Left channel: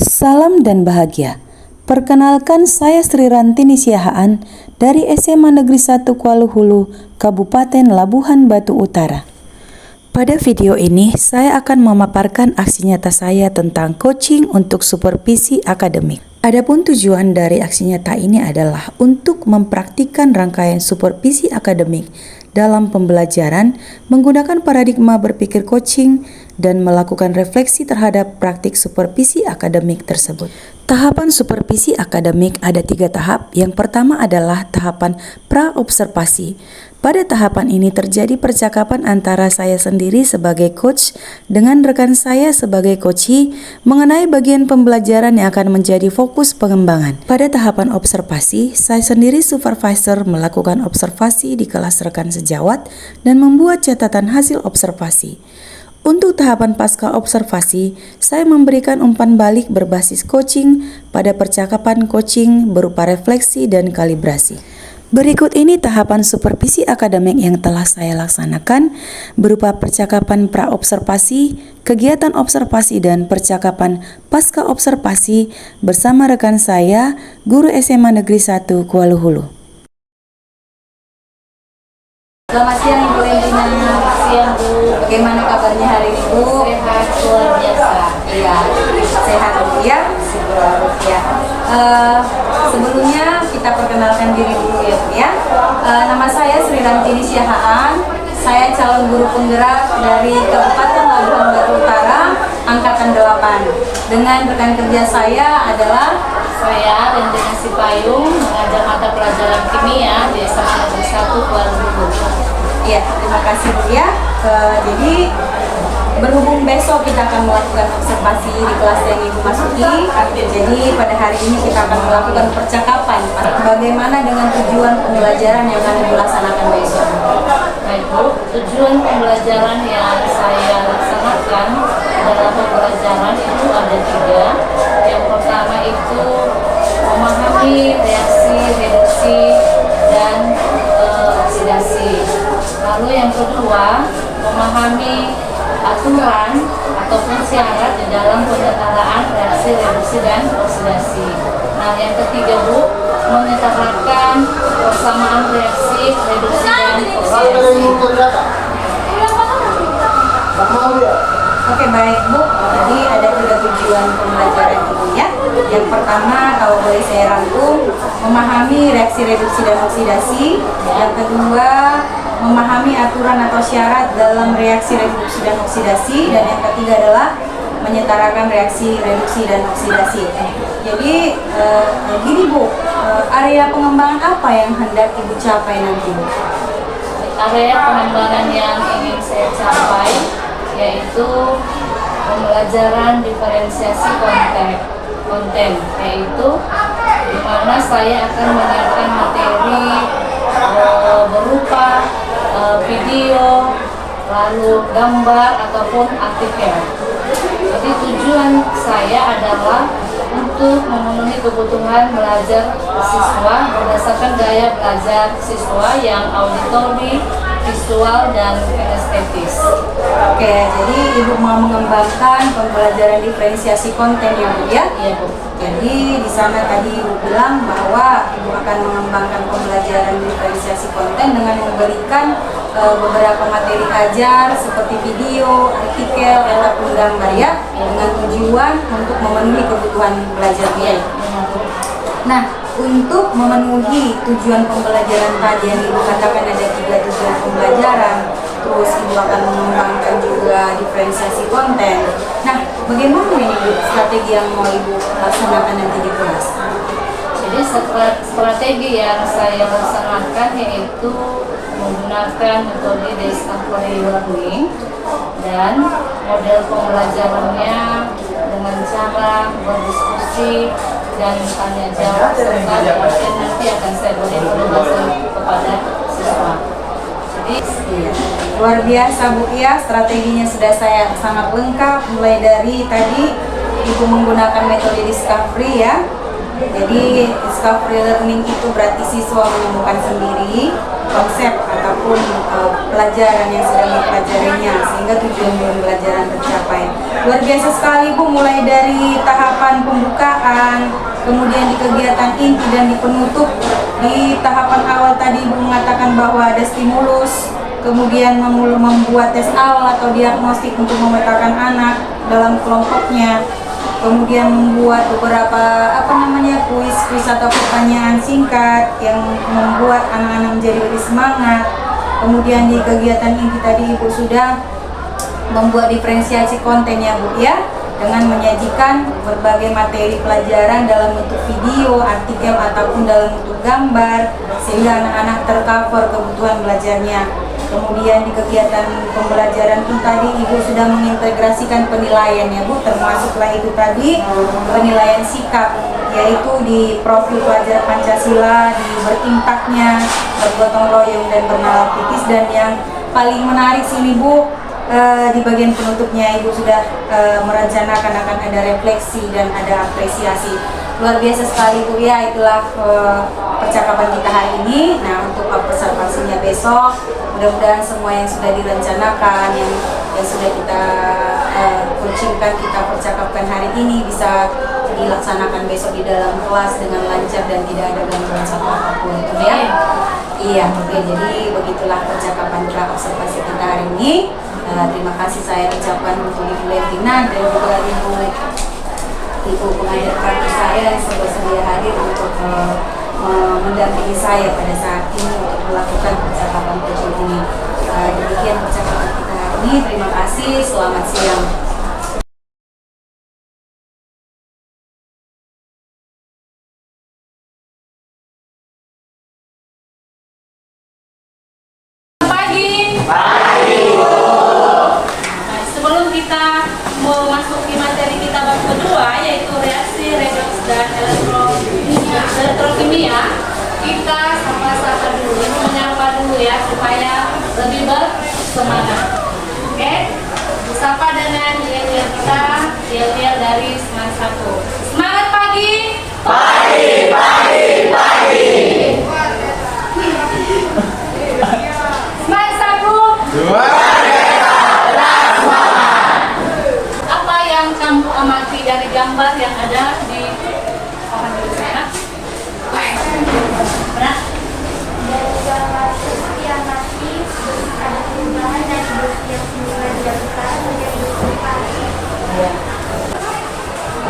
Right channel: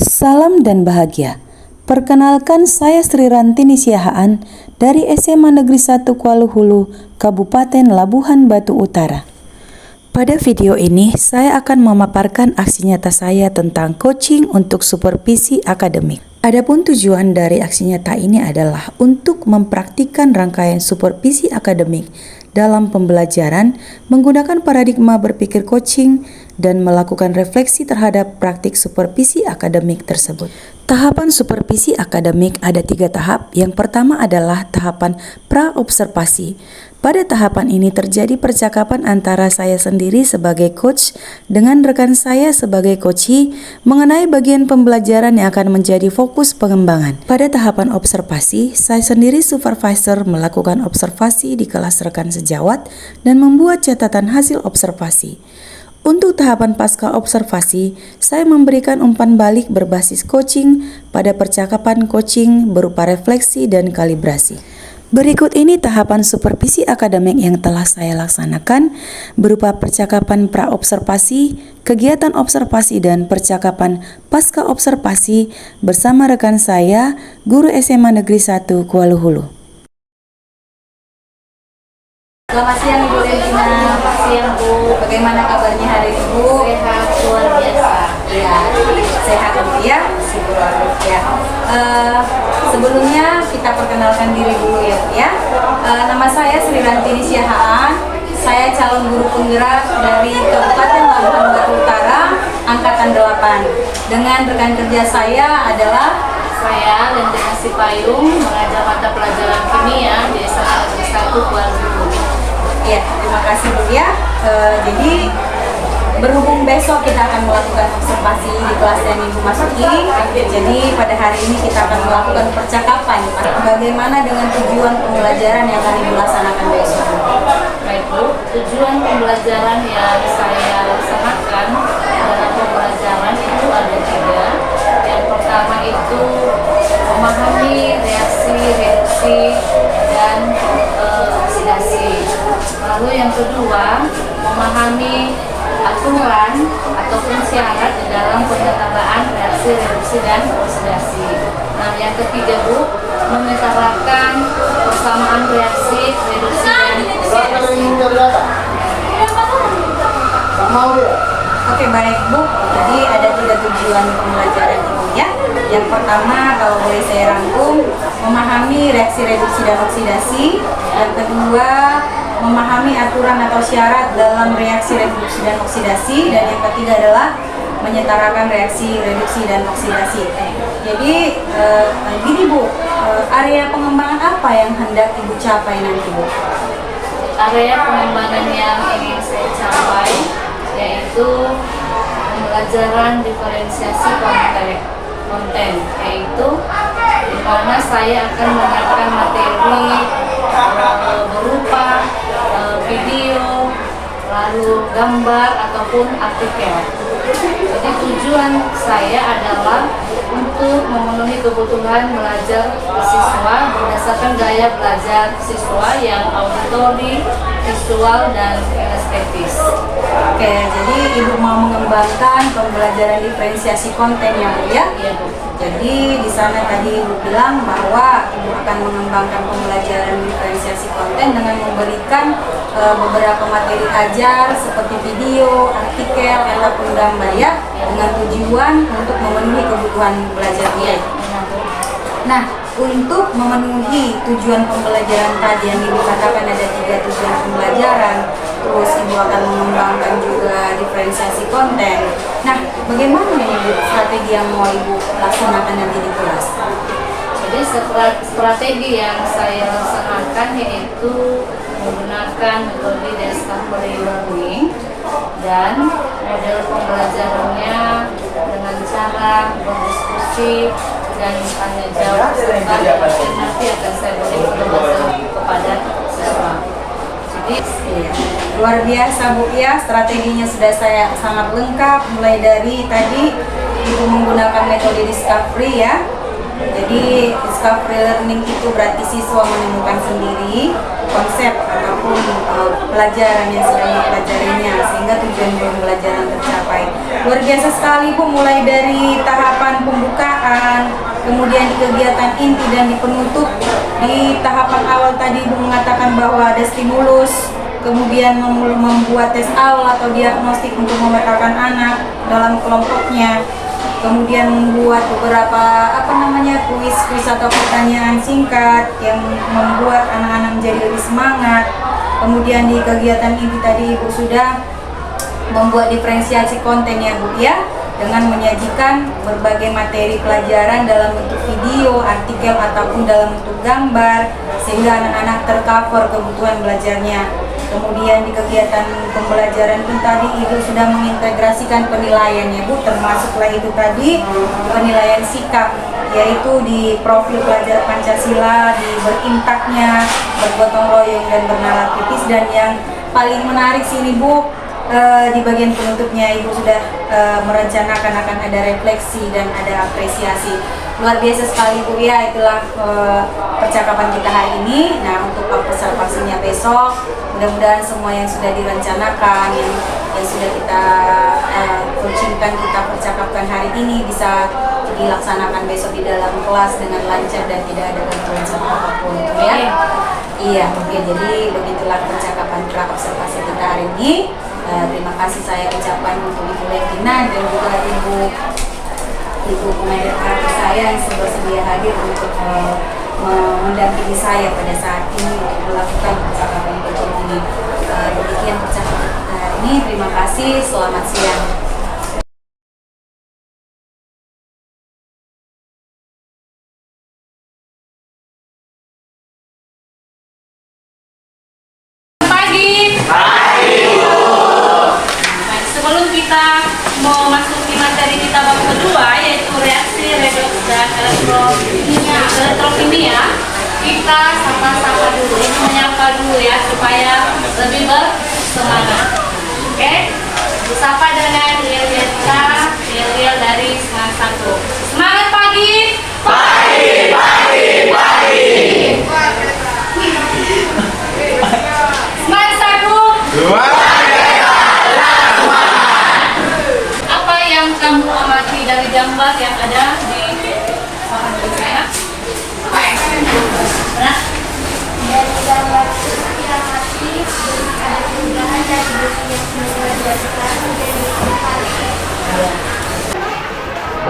Salam dan bahagia. Perkenalkan, saya Sri Rantini Siahaan dari SMA Negeri 1 Kuala Hulu, Kabupaten Labuhan Batu Utara. Pada video ini, saya akan memaparkan aksi nyata saya tentang coaching untuk supervisi akademik. Adapun tujuan dari aksi nyata ini adalah untuk mempraktikkan rangkaian supervisi akademik dalam pembelajaran menggunakan paradigma berpikir coaching dan melakukan refleksi terhadap praktik supervisi akademik tersebut. Tahapan supervisi akademik ada 3 tahap. Yang pertama adalah tahapan pra-observasi. Pada tahapan ini terjadi percakapan antara saya sendiri sebagai coach dengan rekan saya sebagai coachee mengenai bagian pembelajaran yang akan menjadi fokus pengembangan. Pada tahapan observasi, saya sendiri supervisor melakukan observasi di kelas rekan sejawat dan membuat catatan hasil observasi. Untuk tahapan pasca observasi, saya memberikan umpan balik berbasis coaching pada percakapan coaching berupa refleksi dan kalibrasi. Berikut ini tahapan supervisi akademik yang telah saya laksanakan berupa percakapan pra-observasi, kegiatan observasi dan percakapan pasca observasi bersama rekan saya, guru SMA Negeri 1 Kuala Hulu. Selamat siang Ibu Lentina. Selamat siang Bu. Bagaimana kabarnya hari ini Bu? Sehat luar biasa. Iya, sehat Bu ya. Syukur ya. Sebelumnya kita perkenalkan diri dulu ya Bu ya. Nama saya Sri Rantini Siahaan. Saya calon guru penggerak dari Kabupaten Labuhan Batu Utara, Angkatan 8. Dengan rekan kerja saya adalah Saya Lentina Sipayung, mengajar mata pelajaran kimia di SMA Negeri 1 Kuala Hulu. ya, terima kasih Bu ya. Jadi berhubung besok kita akan melakukan observasi di kelas yang Ibu masuki, jadi pada hari ini kita akan melakukan percakapan bagaimana dengan tujuan pembelajaran yang akan Ibu laksanakan besok. Baik Bu, tujuan pembelajaran yang saya laksanakan dalam pembelajaran itu ada 3. Yang pertama itu memahami reaksi, reduksi, dan oksidasi. Lalu yang kedua, memahami aturan ataupun syarat di dalam penyederhanaan reaksi, reduksi, dan oksidasi. Nah, yang ketiga Bu, menyetarakan persamaan reaksi, reduksi, dan oksidasi. Oke, baik Bu, jadi ada 3 tujuan pembelajaran Ibu ya. Yang pertama, kalau boleh saya rangkum, memahami reaksi reduksi dan oksidasi. Yang kedua, memahami aturan atau syarat dalam reaksi reduksi dan oksidasi. Dan yang ketiga adalah menyetarakan reaksi reduksi dan oksidasi. Jadi gini Bu, area pengembangan apa yang hendak Ibu capai nanti Bu? Area pengembangan yang ingin saya capai yaitu pembelajaran diferensiasi konten, yaitu di mana saya akan menyiapkan materi berupa video, lalu gambar ataupun artikel. Jadi tujuan saya adalah untuk memenuhi kebutuhan belajar siswa berdasarkan gaya belajar siswa yang auditori, visual, dan estetis. Oke, jadi Ibu mau mengembangkan pembelajaran diferensiasi konten ya Bu ya? Iya Bu. Jadi di sana tadi Ibu bilang bahwa Ibu akan mengembangkan pembelajaran diferensiasi konten dengan memberikan beberapa materi ajar seperti video, artikel, ataupun gambar ya, dengan tujuan untuk memenuhi kebutuhan belajar dia. Nah, untuk memenuhi tujuan pembelajaran tadi yang Ibu katakan ada 3 tujuan pembelajaran, terus Ibu akan mengembangkan juga diferensiasi konten. Nah, bagaimana ini Bu strategi yang mau Ibu laksanakan nanti di kelas? Jadi strategi yang saya laksanakan yaitu menggunakan metode discovery learning dan model pembelajarannya dengan cara berdiskusi dan tanya jawab serta nanti akan saya beri penjelasan kepada siswa. Jadi luar biasa Bu ya, strateginya sudah saya sangat lengkap, mulai dari tadi Ibu menggunakan metode discovery ya. Jadi discovery learning itu berarti siswa menemukan sendiri. konsep ataupun pelajaran yang sedang dipelajarinya, sehingga tujuan pembelajaran tercapai. Luar biasa sekali Bu, mulai dari tahapan pembukaan, kemudian di kegiatan inti dan di penutup. Di tahapan awal tadi Ibu mengatakan bahwa ada stimulus, kemudian membuat tes awal atau diagnostik untuk memetakan anak dalam kelompoknya, kemudian membuat beberapa kuis atau pertanyaan singkat yang membuat anak-anak menjadi lebih semangat. Kemudian di kegiatan inti tadi Ibu sudah membuat diferensiasi konten ya Bu ya, dengan menyajikan berbagai materi pelajaran dalam bentuk video, artikel ataupun dalam bentuk gambar, sehingga anak-anak tercover kebutuhan belajarnya. Kemudian di kegiatan pembelajaran pun tadi Ibu sudah mengintegrasikan penilaian ya Bu, termasuklah itu tadi penilaian sikap, yaitu di profil pelajar Pancasila, di berimpaknya, bergotong royong dan bernalar kritis, dan yang paling menarik sini Bu, di bagian penutupnya Ibu sudah merencanakan akan ada refleksi dan ada apresiasi. Luar biasa sekali Bu ya, itulah percakapan kita hari ini. Nah, untuk observasinya besok, mudah-mudahan semua yang sudah direncanakan, yang sudah kita coachingkan, kita percakapkan hari ini bisa dilaksanakan besok di dalam kelas dengan lancar dan tidak ada gangguan satu apapun itu ya. Iya, oke. Jadi begitulah percakapan observasi kita hari ini. Terima kasih saya ucapkan untuk Ibu Levina dan juga Ibu pengajar kartu saya yang bersedia hadir untuk mendampingi saya pada saat ini untuk melakukan percakapan coaching ini. Demikian percakapan kita hari ini. Terima kasih. Selamat siang. Sebelum kita memasuki materi kita bab kedua, yaitu reaksi redoks dan elektrokimia, kita sapa-sapa dulu, ini menyapa dulu ya, supaya lebih bersemangat. Oke, disapa dengan Yel dari Semangat 1. Semangat pagi! Pagi, pagi, pagi! Semangat 1! Gambar yang ada di saya. Dari gambar yang mati ada perubahan dari besi yang semula diajarkan menjadi berkarat.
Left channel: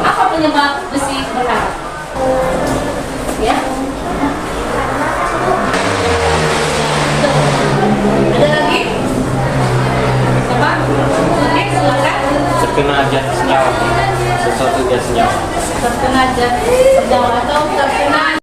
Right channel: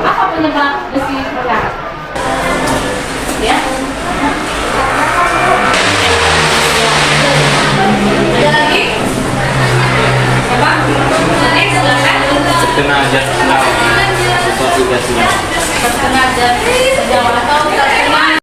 Apa penyebab besi berkarat? Ya. Ada lagi? Siapa? Silakan. Terkena zat atau tiga sinar. Terkena zat sedang atau terkena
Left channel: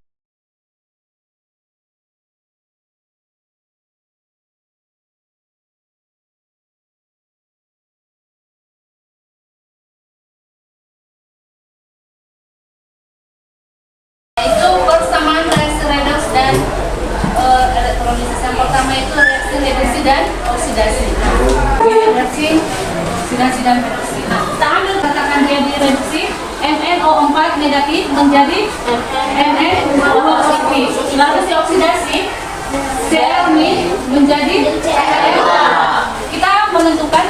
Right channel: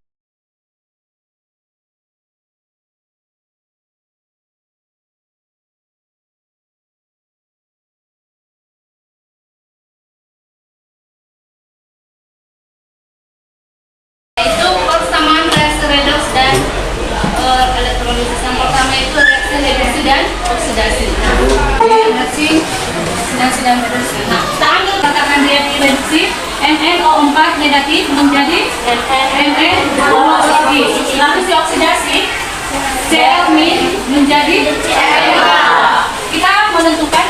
itu persamaan reaksi redoks dan elektrolisis. Yang pertama itu reaksi reduksi dan oksidasi. Reaksi oksidasi dan reduksi. Nah, kita ambil katakan dia di reduksi, NNO4 negatif menjadi NNO positif. Lalu si oksidasi, Cl- menjadi Cl2. Kita menentukan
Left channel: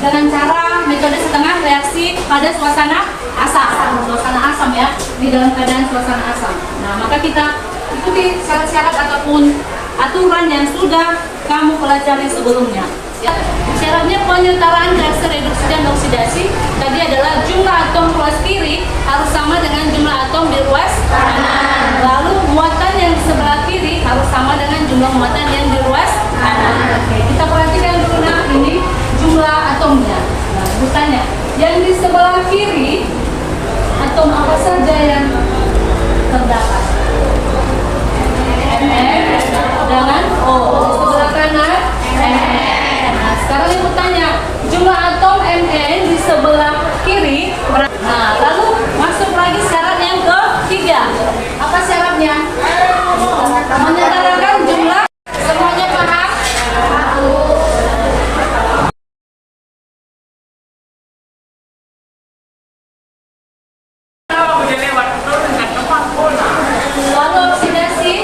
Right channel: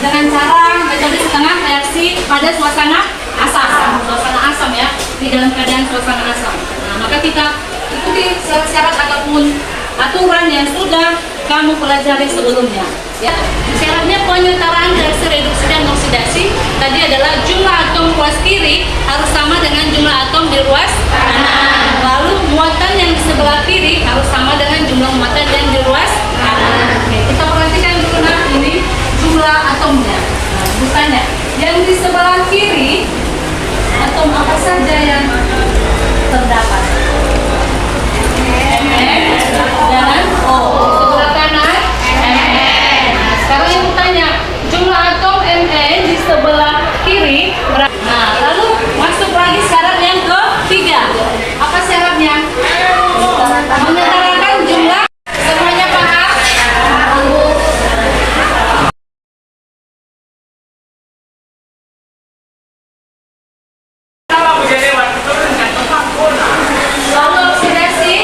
dengan cara metode setengah reaksi pada suasana asam ya, di dalam keadaan suasana asam. Nah, maka kita ikuti syarat-syarat ataupun aturan yang sudah kamu pelajari sebelumnya. Ya, syaratnya penyetaraan reaksi reduksi dan oksidasi tadi adalah jumlah atom ruas kiri harus sama dengan jumlah atom di ruas kanan. Lalu muatan yang di sebelah kiri harus sama dengan jumlah muatan yang di ruas kanan. Oke, kita perhatikan dulu nah ini jumlah atomnya. Nah, bukannya yang di sebelah kiri atom apa saja yang terdapat? Mn dan O. Sebelah kanan Mn. Nah, sekarang yang bertanya, jumlah atom Mn di sebelah kiri. Nah, lalu masuk lagi syarat yang ketiga. Apa syaratnya? Menyetarakan jumlah. Semuanya paham? Lalu oksidasi.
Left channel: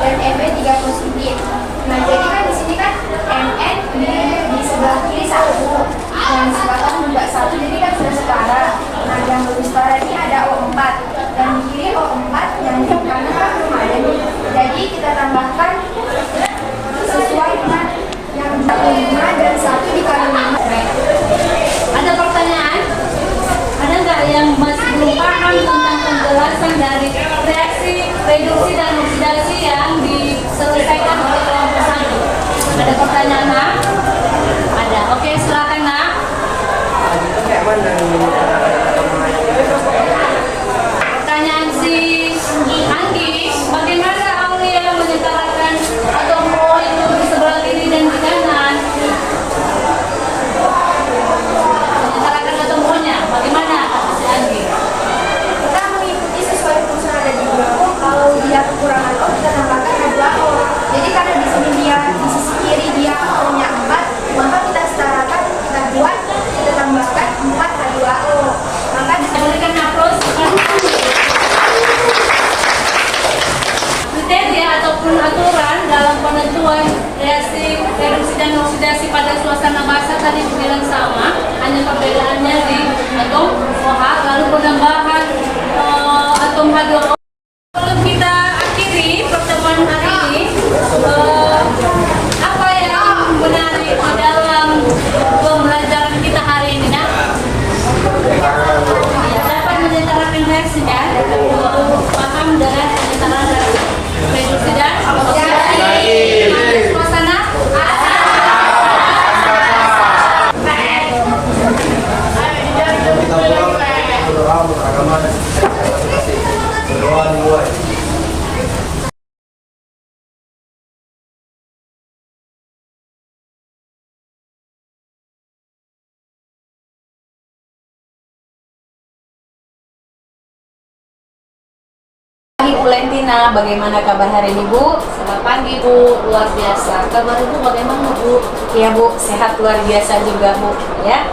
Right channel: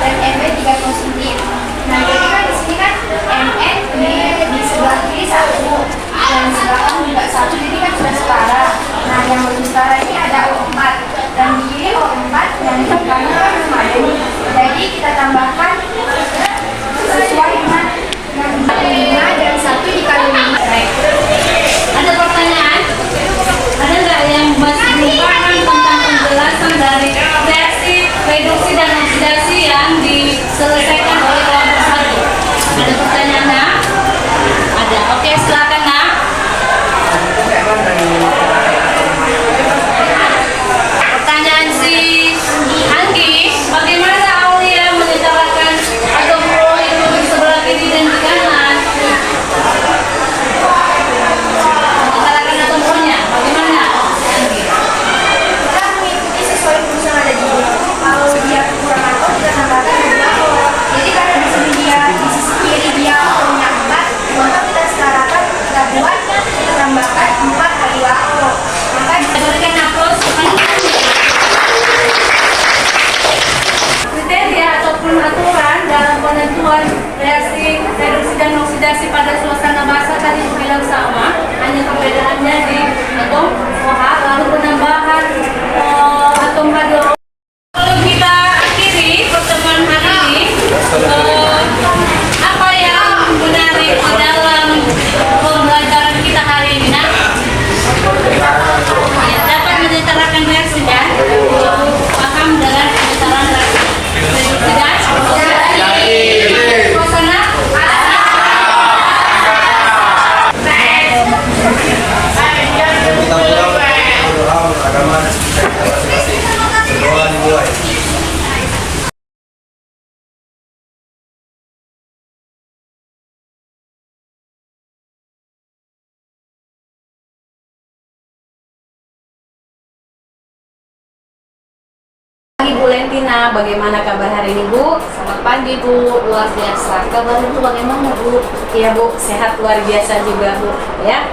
dan MB 30 cm. Nah, jadi kan di sini kan MN di sebelah kiri 1 dan sebelah kanan juga 1, jadi kan sudah setara. Nah, yang belum setara ini ada O4 dan di kiri O4 dan di kanan kan belum ada nih. Jadi kita tambahkan sesuai dengan yang dikali 5 dan 1 dikali 5. Ada pertanyaan? Ada nggak yang masih belum paham tentang penjelasan dari reaksi, reduksi, dan oksidasi yang diselesaikan oleh kelompok 1? Ada pertanyaan, Nak? Ada. Oke, silakan, Nak. Pertanyaan si Anggi, bagaimana Aulia menyetarakan atom O itu di sebelah kiri dan di kanan? Menyetarakan atom O-nya, bagaimana? Anggi. Kita mengikuti sesuai fungsi yang ada di buku. Kalau dia kurang atau kita tambahkan 2 O. Jadi karena di sini dia di sisi kiri dia O-nya 4, maka kita setarakan, kita buat, kita tambahkan 4 kali 2 O. Maka Saya berikan aplaus. Kriteria ataupun aturan dalam penentuan reaksi reduksi dan oksidasi pada suasana basah tadi bilang sama, hanya perbedaannya di atom OH lalu penambahan atom H2O. Kalau kita akhiri pertemuan hari ini, apa yang menarik dalam pembelajaran kita hari ini, Nak? Ya, dapat menyetarakan reaksinya, paham dengan penyetaran reaksi reduksi dan oksidasi suasana. Pagi Bu Lentina, bagaimana kabar hari ini Bu? Selamat pagi, Bu. Luar biasa. Kabar Ibu bagaimana, Bu? Iya Bu, sehat luar biasa juga Bu. Ya,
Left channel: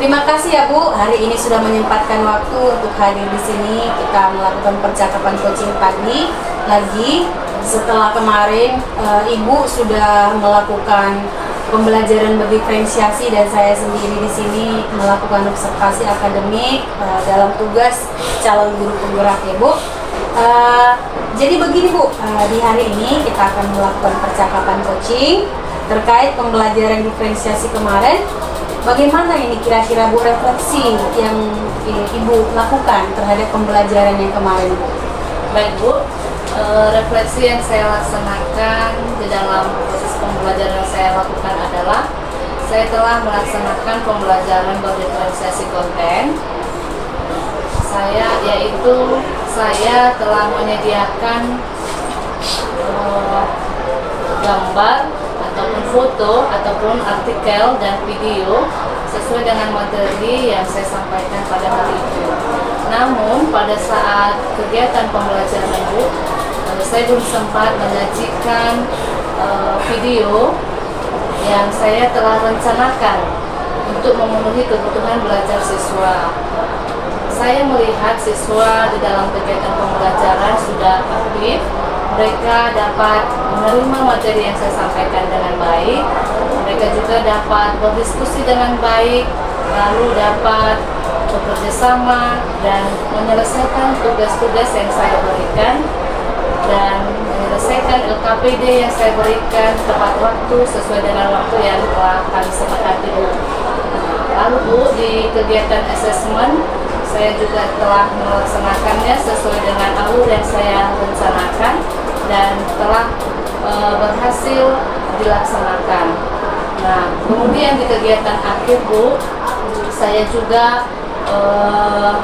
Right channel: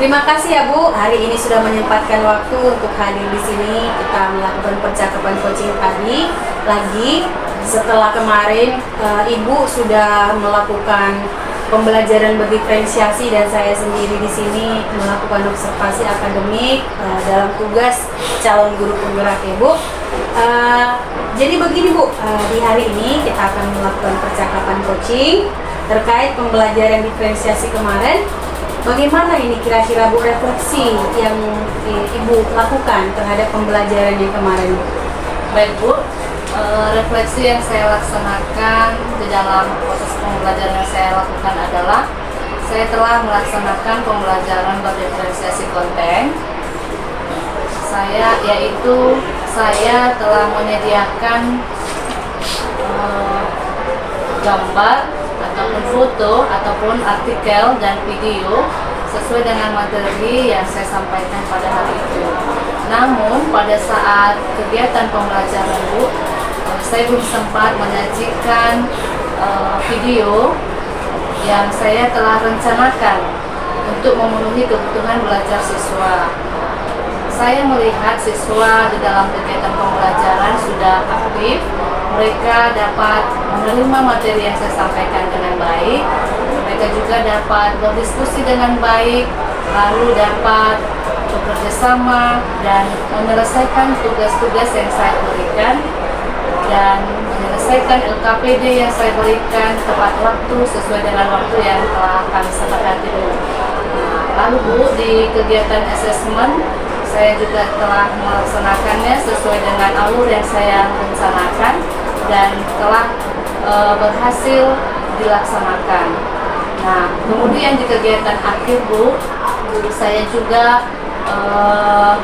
terima kasih ya Bu. Hari ini sudah menyempatkan waktu untuk hadir di sini. Kita melakukan percakapan coaching tadi lagi. Setelah kemarin Ibu sudah melakukan pembelajaran berdiferensiasi dan saya sendiri di sini melakukan observasi akademik dalam tugas calon guru penggerak ya Bu. Jadi begini Bu, di hari ini kita akan melakukan percakapan coaching terkait pembelajaran diferensiasi kemarin. Bagaimana ini kira-kira Bu refleksi yang Ibu lakukan terhadap pembelajaran yang kemarin Bu? Baik, Bu. Refleksi yang saya laksanakan di dalam proses pembelajaran yang saya lakukan adalah saya telah melaksanakan pembelajaran berdiferensiasi konten. Saya telah menyediakan gambar ataupun foto ataupun artikel dan video sesuai dengan materi yang saya sampaikan pada hari itu. Namun pada saat kegiatan pembelajaran Bu, saya belum sempat menyajikan video yang saya telah rencanakan untuk memenuhi kebutuhan belajar siswa. Saya melihat siswa di dalam kegiatan pembelajaran sudah aktif, mereka dapat menerima materi yang saya sampaikan dengan baik, mereka juga dapat berdiskusi dengan baik, lalu dapat bekerja sama dan menyelesaikan tugas-tugas yang saya berikan dan menyelesaikan LKPD yang saya berikan tepat waktu sesuai dengan waktu yang telah kami sepakati dulu. Lalu Bu, di kegiatan assessment saya juga telah melaksanakannya sesuai dengan alur yang saya rencanakan dan telah berhasil dilaksanakan. Nah, kemudian di kegiatan akhir Bu, saya juga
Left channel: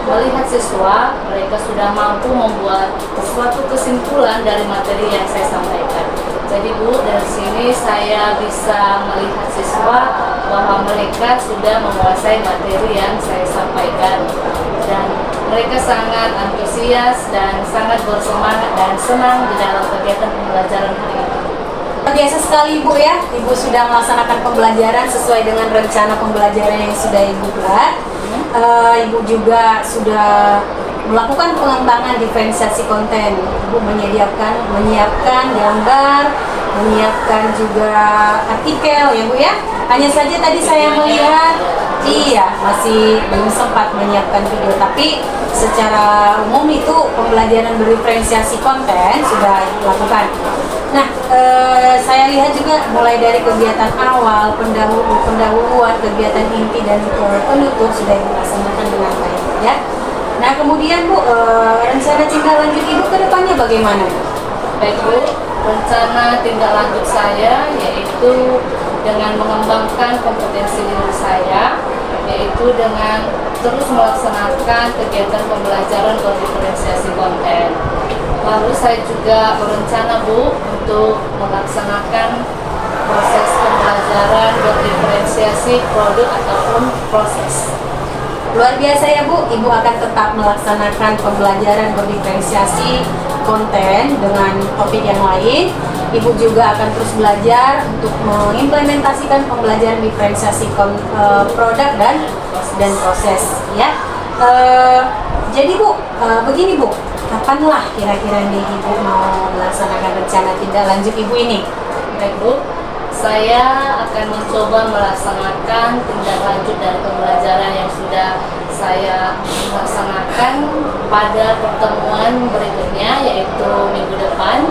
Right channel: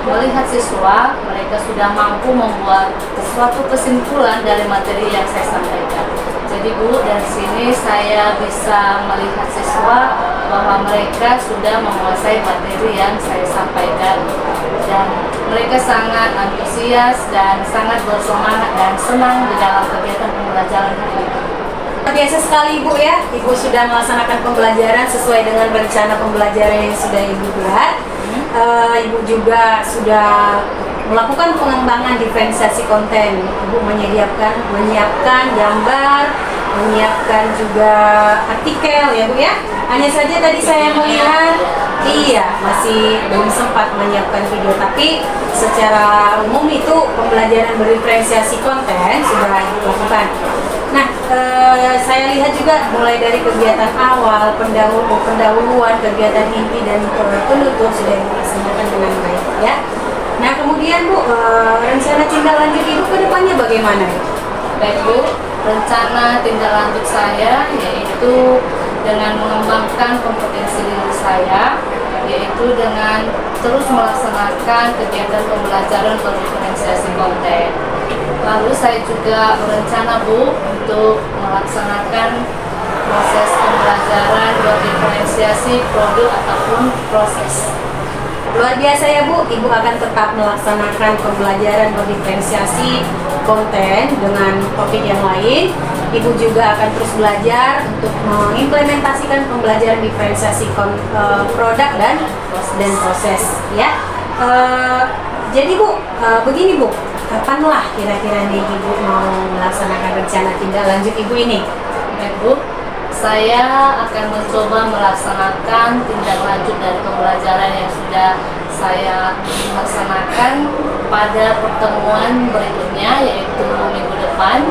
melihat siswa mereka sudah mampu membuat suatu kesimpulan dari materi yang saya sampaikan. Jadi Bu, dari sini saya bisa melihat siswa bahwa mereka sudah menguasai materi yang saya sampaikan dan mereka sangat antusias dan sangat bersemangat dan senang di dalam kegiatan pembelajaran hari ini. Biasa sekali Ibu ya, Ibu sudah melaksanakan pembelajaran sesuai dengan rencana pembelajaran yang sudah Ibu buat. Ibu juga sudah melakukan pengembangan diferensiasi konten. Ibu menyiapkan gambar, menyiapkan juga artikel ya Bu ya. Hanya saja tadi saya melihat, masih belum sempat menyiapkan video, tapi secara umum itu pembelajaran berdiferensiasi konten sudah dilakukan. Nah, saya lihat juga mulai dari kegiatan awal, pendahuluan, kegiatan inti dan penutup sudah dilaksanakan dengan baik ya. Nah, kemudian Bu, rencana tindak lanjut Ibu ke depannya bagaimana? Baik Bu, rencana tindak lanjut saya yaitu dengan mengembangkan kompetensi diri saya, yaitu dengan terus melaksanakan kegiatan pembelajaran berdiferensiasi konten. Lalu saya juga berencana Bu untuk melaksanakan proses pembelajaran berdiferensiasi produk ataupun proses. Luar biasa ya Bu, Ibu akan tetap melaksanakan pembelajaran berdiferensiasi konten dengan topik yang lain. Ibu juga akan terus belajar untuk mengimplementasikan pembelajaran diferensiasi produk dan proses ya. Jadi Bu, begini Bu, kapanlah kira-kira nih Ibu mau melaksanakan rencana tindak lanjut Ibu ini? Baik Bu, saya akan mencoba melaksanakan tindak lanjut dari pembelajaran yang sudah saya laksanakan pada pertemuan berikutnya, yaitu minggu depan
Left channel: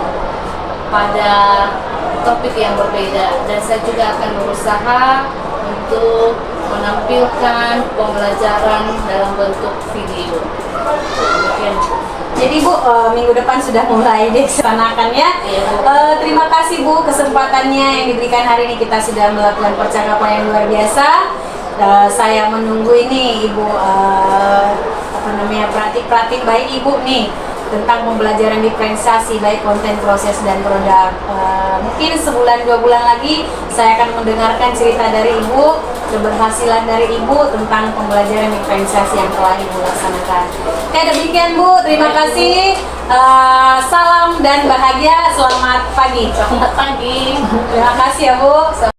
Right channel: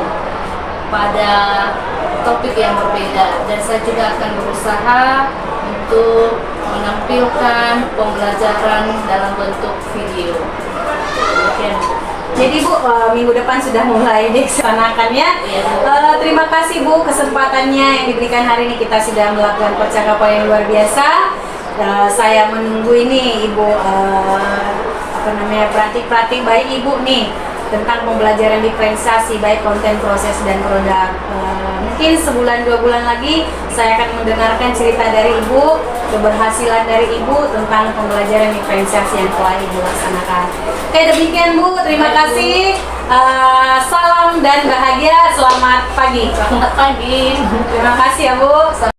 pada topik yang berbeda, dan saya juga akan berusaha untuk menampilkan pembelajaran dalam bentuk video. Demikian. Jadi Bu, minggu depan sudah mulai dilaksanakan ya. Terima kasih Bu kesempatannya yang diberikan hari ini. Kita sudah melakukan percakapan yang luar biasa. Saya menunggu ini Ibu praktik-praktik baik Ibu nih tentang pembelajaran diferensiasi baik konten, proses dan produk. Mungkin sebulan 2 bulan lagi saya akan mendengarkan cerita dari Ibu, keberhasilan dari Ibu tentang pembelajaran diferensiasi yang telah Ibu laksanakan. Oke, demikian Bu, terima kasih. Salam dan bahagia, selamat pagi. Selamat pagi. Terima kasih ya Bu.